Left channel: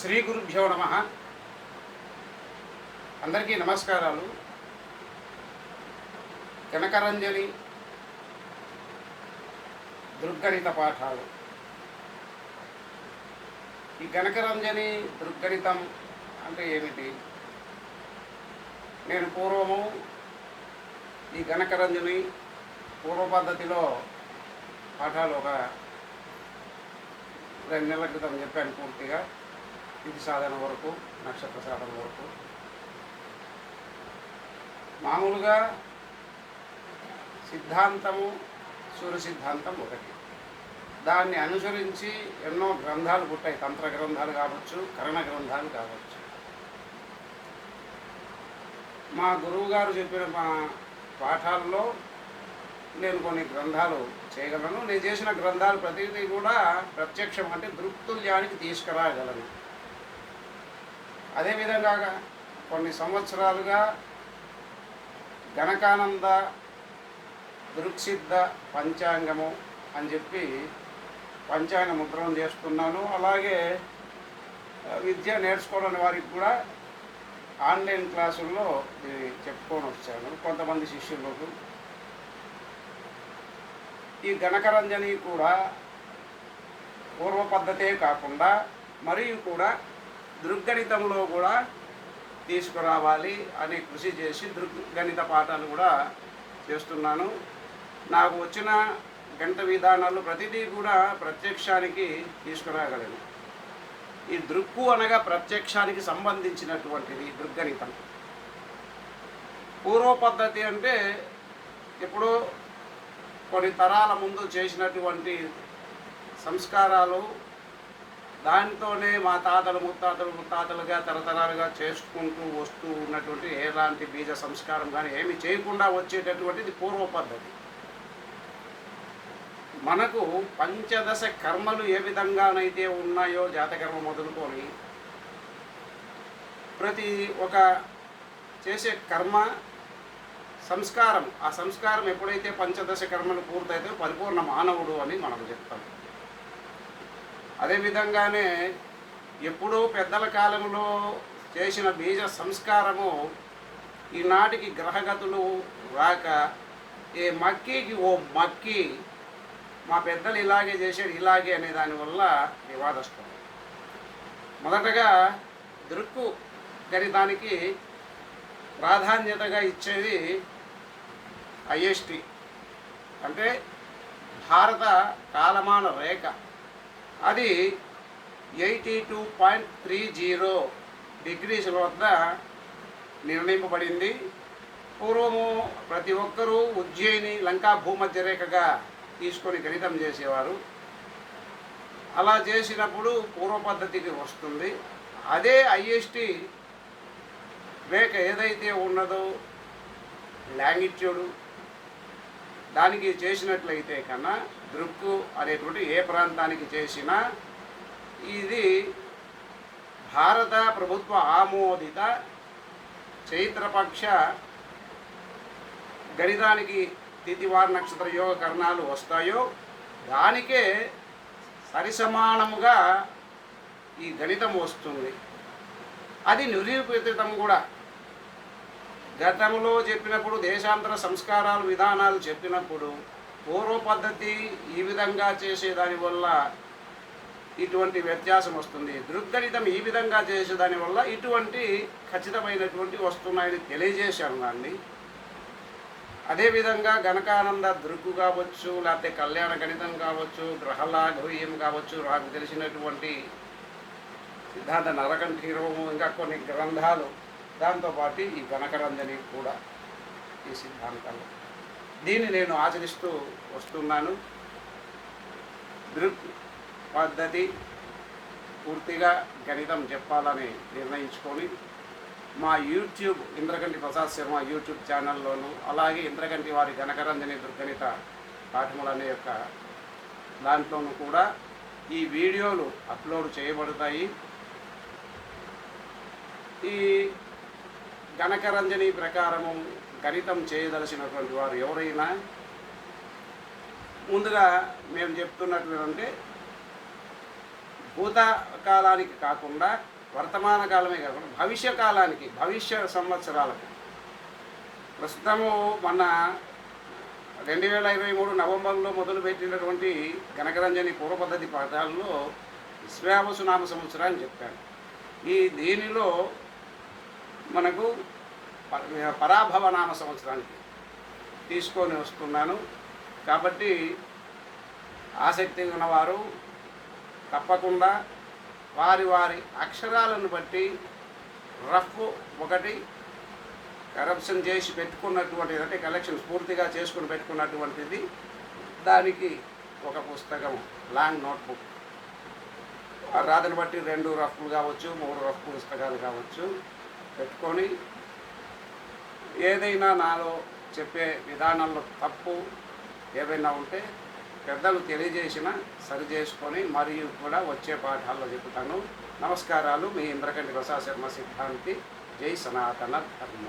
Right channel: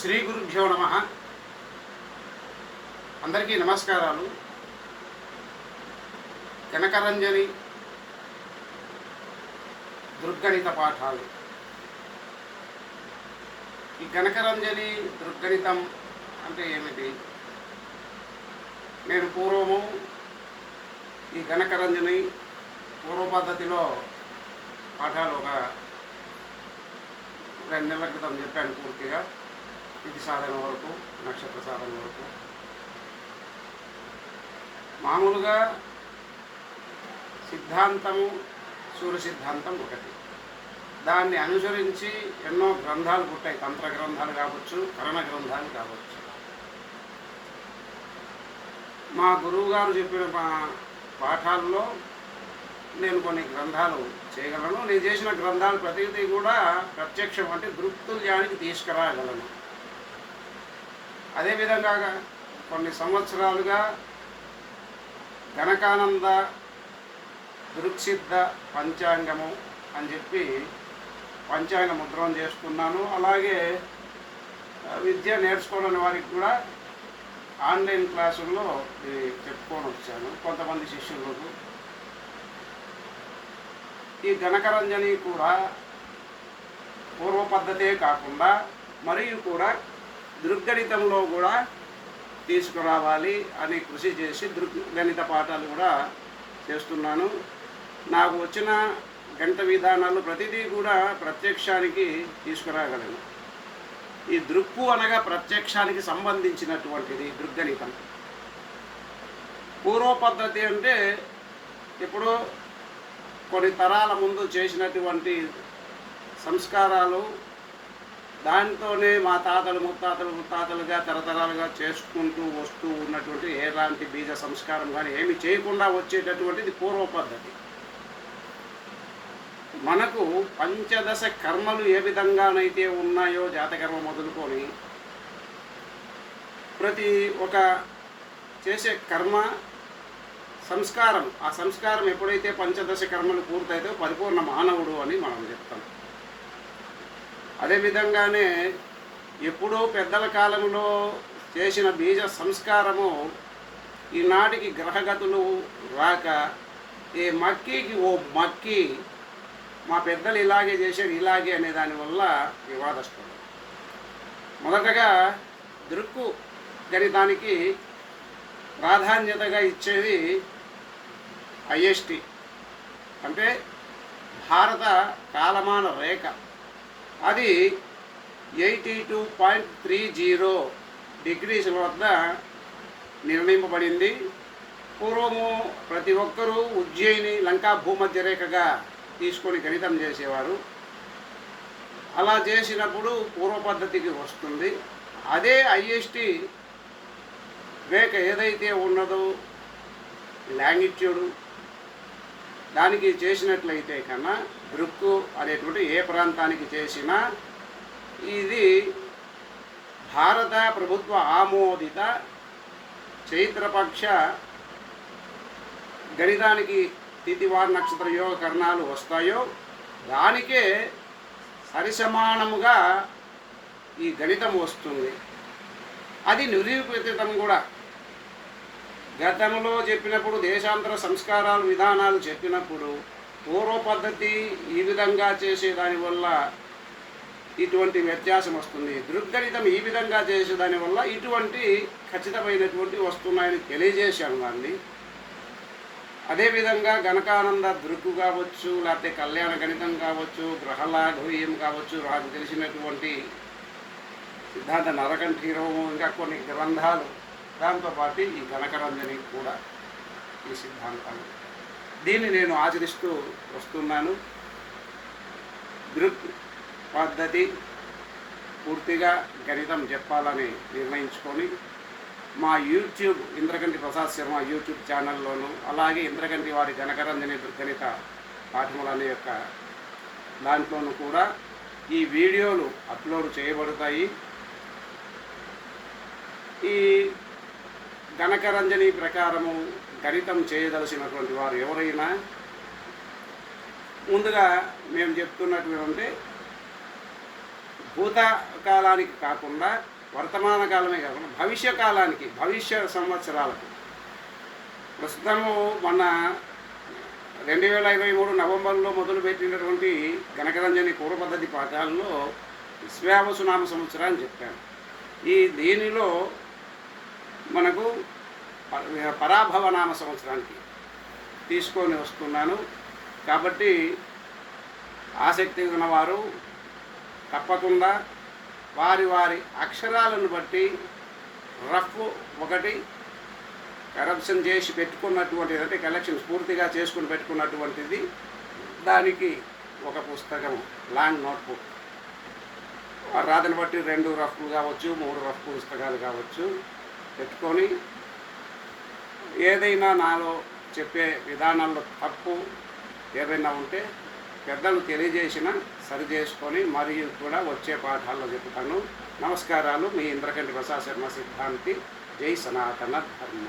శ్రీ గురుభ్యో నమ. అందరికీ నమస్కారాలు. కనకరంజని దృగ్గణిత పాఠాలు. ఈ కనకరంజని దృగ్గణితం అంటే ఏమిటి? నేను పూర్వము ఈ కనకరంజని పూర్వ పద్ధతిలో పాఠాలు ఒక 2 నెలల క్రితం చెప్పాను పూర్తిగా. ఇది సాధన వరకు, నక్షత్ర సాధన వరకు. మామూలుగా సిద్ధాంతము, సూర్య సిద్ధాంతం ఒకటి. దాన్ని అనుసరించి ఎన్నో గ్రంథాలు పుట్టాయి. తంత్ర గ్రంథాలు కావచ్చు, కరణ గ్రంథాలు కావచ్చు. మా గురువుగారు చెప్పిన పాఠాల్లో నేను కొన్ని గ్రంథాలు చేయగలను. నేను చేసిన గ్రంథాలు ప్రతిదీ కూడా ప్రత్యక్షం అంటే దృక్తుల్యానికి తీసుకురాగలను. అదేవిధంగా కొన్ని సంవత్సరాలుగా గణకానంద దృక్సిద్ధ పంచాంగము అని చెప్పి పంచాంగ ముద్రణ చేస్తున్నాను. అలాగే విద్య నేర్చుకోవడానికి వారికి కూడా ఆన్లైన్ క్లాసుల్లో చెప్పుకొని వచ్చాను కొంతమంది శిష్యులకు. ఈ గణకరంజని కూడా పూర్వ పద్ధతే కాకుండా మరియు కూడా దృగ్గణితంలో కూడా తీసుకురావాలి అని కృషి చేసి దృగ్గణిత పాఠాలు కూడా చేస్తున్నాను. నాకు వచ్చిన గంట విధానాలు ప్రతిదీ కూడా ప్రత్యక్షానికి తీసుకురాగలను. ఈ దృక్కు అనగా ప్రత్యక్షానికి సంబంధించినటువంటిది దృగ్గణితం. పూర్వ పద్ధతి అంటే ఎప్పుడో కొన్ని తరాల ముందు చేసినటువంటి సంస్కారాలు, దాంతోనే మా తాతలు ముత్తాతలుగా తరతరాలుగా చేసుకుంటూ వస్తూ ఉన్నటువంటి ఎలాంటి బీజ సంస్కారం కానీ ఏమి చేయకుండా వచ్చేటటువంటిది పూర్వ పద్ధతి. మనకు పంచదశ కర్మలు ఏ విధంగానైతే ఉన్నాయో జాతకర్మ మొదలుకొని ప్రతి ఒక చేసే కర్మ సంస్కారం, ఆ సంస్కారం ఎప్పుడైతే పంచదశ కర్మలు పూర్తయితే పరిపూర్ణ మానవుడు అని మనం చెప్తాం. అదేవిధంగానే ఎప్పుడో పెద్దల కాలంలో చేసిన బీజ సంస్కారము ఈనాటికి గ్రహగతులు రాక ఏ మక్కికి ఓ మక్కి మా పెద్దలు ఇలాగే చేసేది ఇలాగే అనే దానివల్ల వివాదస్తులు. మొదటగా దృక్కు గణితానికి ప్రాధాన్యతగా ఇచ్చేది ఐఎస్టి అంటే భారత కాలమాన రేఖ. అది 82.30 డిగ్రీల వద్ద నిర్ణయింపబడింది. పూర్వము ప్రతి ఒక్కరూ ఉజ్జయిని లంకా భూమధ్య రేఖగా తీసుకొని గణితం చేసేవారు. అలా చేసినప్పుడు పూర్వ పద్ధతికి వస్తుంది. అదే ఐఎస్టి రేఖ ఏదైతే ఉన్నదో లాంగిట్యూడు దానికి చేసినట్లయితే కన్నా దృక్కు అనేటువంటి ఏ ప్రాంతానికి చేసినా ఇది భారత ప్రభుత్వ ఆమోదిత చైత్రపక్ష గణితానికి తిథివార నక్షత్ర యోగ కరణాలు వస్తాయో దానికే సరిసమానముగా ఈ గణితం వస్తుంది. అది నిరూపితం కూడా. గతంలో చెప్పినప్పుడు దేశాంతర సంస్కారాలు విధానాలు చెప్పినప్పుడు పూర్వ పద్ధతి ఈ విధంగా చేసేదానివల్ల ఇటువంటి వ్యత్యాసం వస్తుంది, దృగ్గణితం ఈ విధంగా చేసేదానివల్ల ఇటువంటి ఖచ్చితమైనటువంటి వస్తున్నాయని తెలియజేశాను దాన్ని. అదేవిధంగా గణకానంద దృక్కు కావచ్చు, లేకపోతే కళ్యాణ గణితం కావచ్చు, గ్రహలాఘవీయం కావచ్చు, నాకు తెలిసినటువంటి సిద్ధాంత నరకంఠీరవము, ఇంకా కొన్ని గ్రంథాలు, దాంతోపాటు ఈ గణకరంజని కూడా ఈ సిద్ధాంతం. దీన్ని నేను ఆచరిస్తూ వస్తున్నాను. దృక్ పద్ధతి పూర్తిగా గణితం చెప్పాలని నిర్ణయించుకొని మా యూట్యూబ్ ఇంద్రకంటి ప్రసాద్ శర్మ యూట్యూబ్ ఛానల్లోనూ, అలాగే ఇంద్రకంటి వారి గణకరంజని దృగ్గణిత పాఠములు అనే యొక్క దాంట్లోనూ కూడా ఈ వీడియోలు అప్లోడ్ చేయబడతాయి. ఈ గణకరంజని ప్రకారము గణితం చేయదలసినటువంటి వారు ఎవరైనా ముందుగా మేము చెప్తున్నటువంటి భూతకాలానికి కాకుండా వర్తమాన కాలమే కాకుండా భవిష్య కాలానికి, భవిష్య సంవత్సరాలకు. ప్రస్తుతము మన 2023 నవంబర్లో మొదలుపెట్టినటువంటి గణకరంజని పూర్వ పద్ధతి పాఠాల్లో విశ్వావసు నామ సంవత్సరం అని చెప్పాను. దీనిలో మనకు పరాభవ నామ సంవత్సరానికి తీసుకొని వస్తున్నాను. కాబట్టి ఆసక్తి ఉన్నవారు తప్పకుండా వారి వారి అక్షరాలను బట్టి రఫ్ ఒకటి కరప్షన్ చేసి పెట్టుకున్నటువంటిది, అంటే కలెక్షన్స్ పూర్తిగా చేసుకుని పెట్టుకున్నటువంటిది, దానికి ఒక పుస్తకం లాంగ్ నోట్బుక్ రాతను బట్టి 2 రఫ్లు కావచ్చు, 3 రఫ్ పుస్తకాలు కావచ్చు పెట్టుకొని ఏదైనా నాలో చెప్పే విధానంలో తప్పు ఏమైనా ఉంటే పెద్దలు తెలియజేసిన సరి చేసుకొని మరియు కూడా వచ్చే పాఠాల్లో చెప్తాను. నమస్కారాలు. మీ ఇంద్రకంటి ప్రసాద్ శర్మ సిద్ధాంతి. జై సనాతన ధర్మ.